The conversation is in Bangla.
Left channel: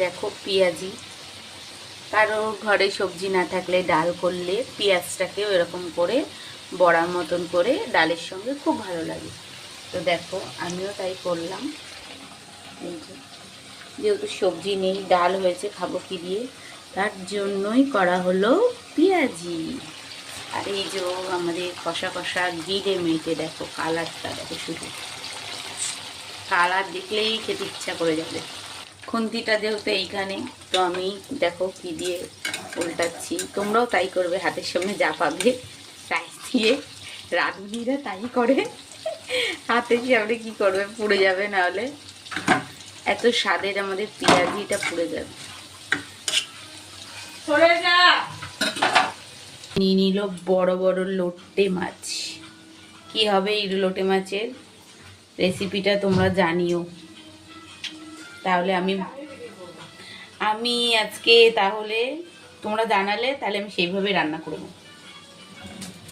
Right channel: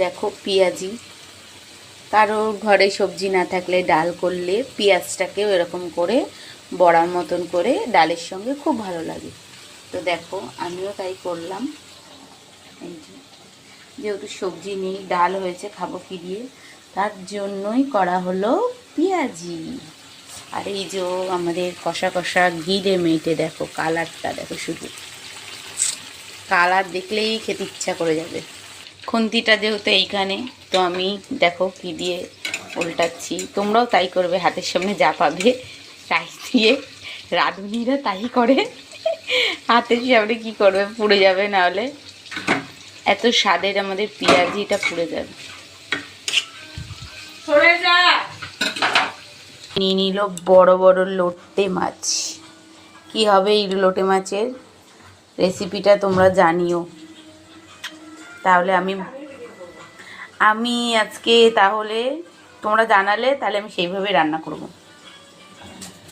দেখো পেঁয়াজি, কারোর ঘরে সবজি না থাকলে ডাল করলে পেঁয়াজটাকে এরকম করে বড়ার মতন করে ডালের সঙ্গে খুব ভালো লাগে। তো দেখো আমিও তাই করলাম। এই যে, যেহেতু সবজি নেই, ডাল হয়েছে, খাবো কি দিয়ে, তার জন্যই করা হলো পেঁয়াজি। আর এই যে আমাদের কষা কষা গিলে মেটে, দেখো কালারটা দেখো, শুধু কালার দেখলেই খেতে ইচ্ছা করে যাবে। খুন্তিটা যেহেতু এইখানে, তো আমি দেখো কি দিয়ে উল্টাচ্ছি, তোমরাও তাই করবে, হাতের সামনে যা পাবে তাই দিয়ে। রাঁধুনিরা তাই করে, হাতের সামনে কি করবে, পুড়ে যাবে, না হলে এত স্বাদের আমাদের পেঁয়াজিটা পুড়ে যাবে। নিয়ে নিল বড় বড় লোটে মাছ। কি হবে এই লোটে মাছের রেসিপিটা তোমরা জানিও। তাহলে আমি আজকে, তাহলে তোমরা জানালে, তাহলে আমি সেইভাবে রান্না করব।